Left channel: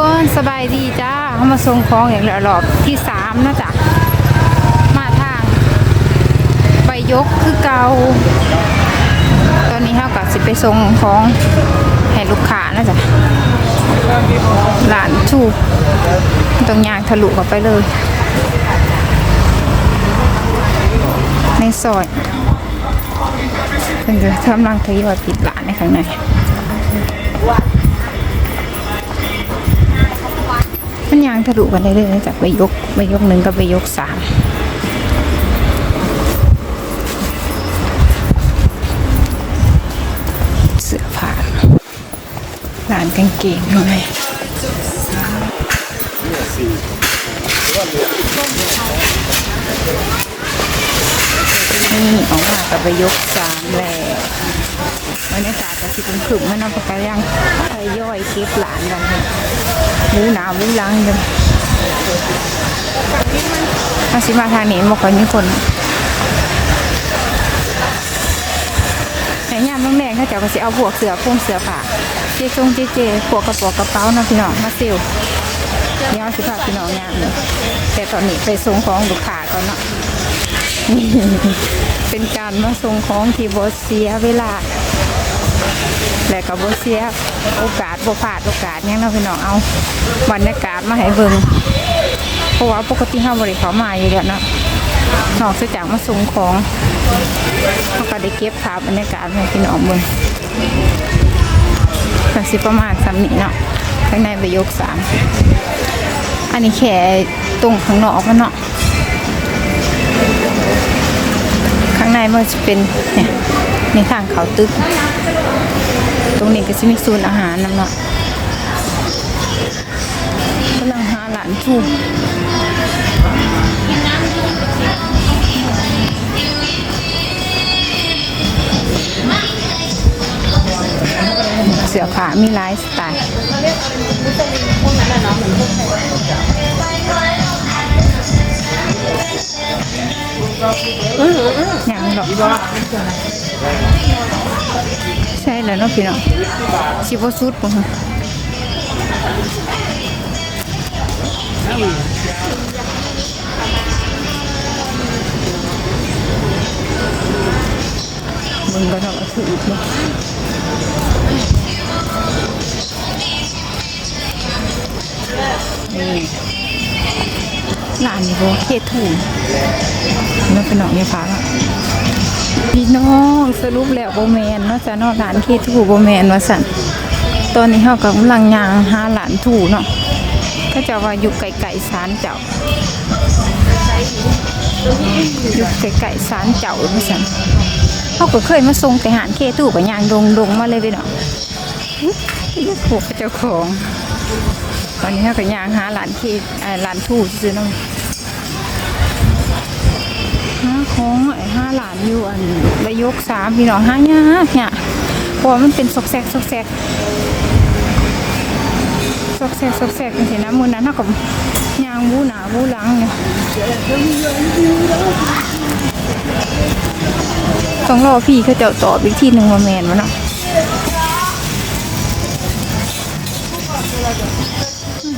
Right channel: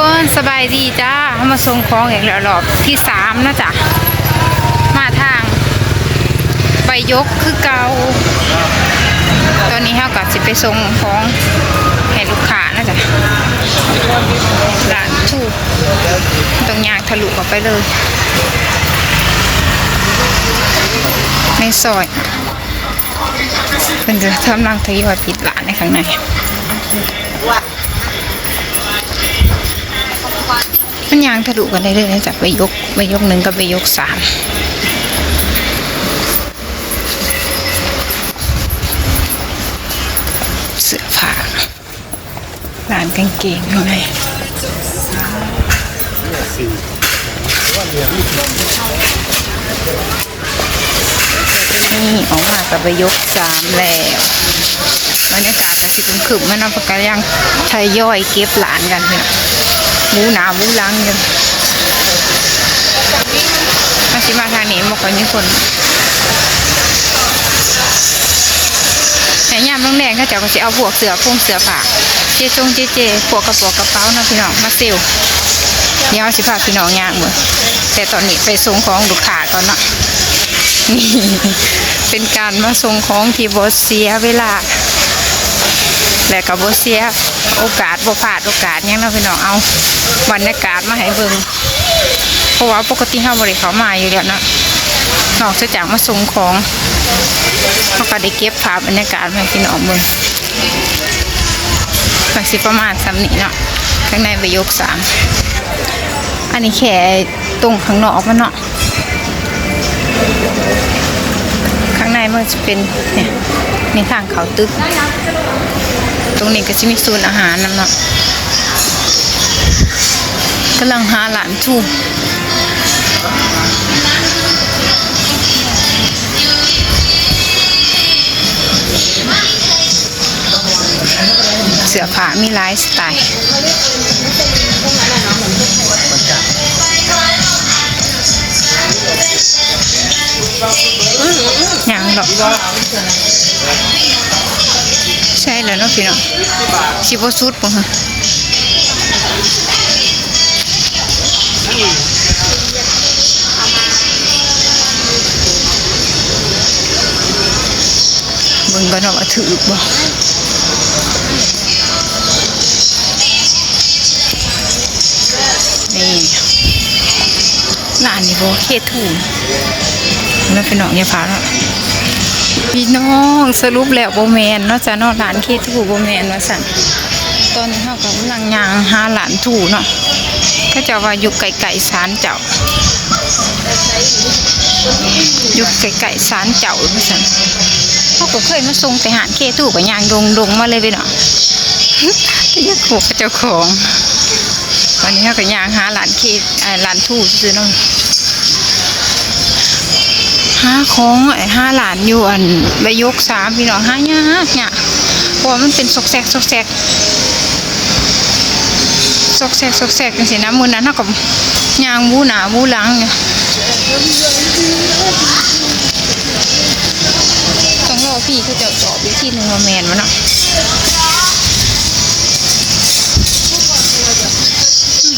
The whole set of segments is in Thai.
คนสบายดีจ้าเขามาส่งของอย่างรอบที่3นะจ๊ะมาทางไปยกคือเกาตอนนี้เขาก็สิไปส่งของให้ลูกค้านะจ๊ะหลานชูตรงยางทะลุเข้าไปเลยในซอยเป็นจะทำรังทยอยปิดร้านในข้างในมันยางทะลุกันได้เลยนะจากไปยก1กับไปยก3เสื้อผ้าร้านกางเกงอะไรนี่ออกมากับไปยก3แล้วบรรยากาศจะสิขึ้นๆมันนำประกายังทยอยเก็บหลานกันเนี่ยมูหนามูลังกันมาสิมาทางนี้บอกว่ามีคนแต่ยามต้องแดงถ้าเจ้าก็จะเอาพวกเสือผ้าเจพวกกระเป๋านะพี่น้องมาเซลเดี๋ยวสิพาพี่น้องย่างมือแต่ตอนนี้ไปส่งของลูกค้าก่อนเนาะนี่เป็นการมาส่งของที่บ่เสียเวลาและก็บ่เสียโอกาสบ่พลาดโอกาสยังนะพี่น้องเอาบรรยากาศมาให้เบิ่งเพราะว่าปกติเฮาบ่ได้เข้ามาอยู่แล้วเนาะนอกจากมาส่งของเฮาก็ได้เก็บภาพบรรยากาศให้พี่น้องเบิ่งก็สิประมาณ3นี้เนาะข้างในไปยก3อันนี้แค่ตรงข้างนอกมันเนาะข้างในมันจะเป็นในข้างเขาตึกตรงนี้ก็จะมีศูนย์อาหารนำเนาะกำลังหาหลานทูเสื้อผ้ามีหลายสไตล์อย่างดอกใช่แล้วเนาะพี่น้องชิบสุดป่ะฮะเบิ่งกันว่าถือบ่นี่ร้านนี้บ่เคทูแล้วพี่น้องอย่าพาแล้วพี่น้องสรุปแล้วโบแมนเนาะจะนอกร้านเคทูโบแมนว่าสั่นตอนนี้เขากำลังย่างหาหลานถูเนาะก็จะว่าอยู่ไก่ศาลเจ้าอยู่ไก่ศาลเจ้าว่าสั่นเขาก็เคยมาส่งแต่หานเคทูกับย่างดงมาเลยพี่น้องที่ยักษ์ขู่เจ้าของวันนี้เขาก็ย่างหาหลานหลานถูซื้อน้องหาของหาหลานอยู่อันใบยก3พี่น้องหายากเนี่ยเพราะมันเป็นซอกแซกจังสินะมื้อนั้นเฮาก็ย่างบูหน้าบูหลังเนี่ยต้องรอพี่เขาจะตอบอีกทีนึงว่าแม่นบ่เนาะ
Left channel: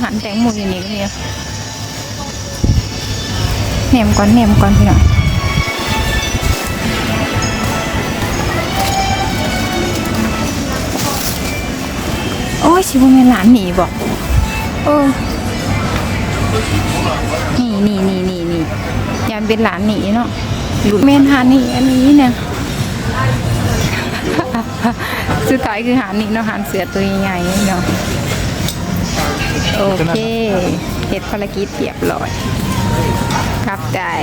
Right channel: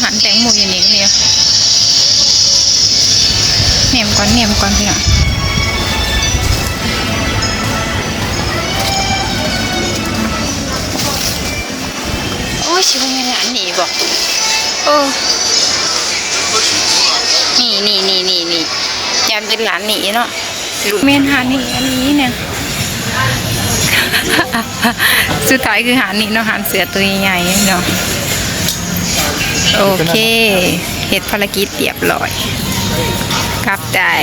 หันแตงโมอยู่นี่ก็มีแหนมก่อนพี่น้องโอ้ชิวมีหลานหนีบอกนี่ยามเป็นหลานหนีเนาะลูกเมนหาหนีอันนี้เนี่ยสุดท้ายคือหาหนีเนาะหาเสือตัวใหญ่เนาะโอเคเฮ็ดภารกิจเรียบร้อยกลับได้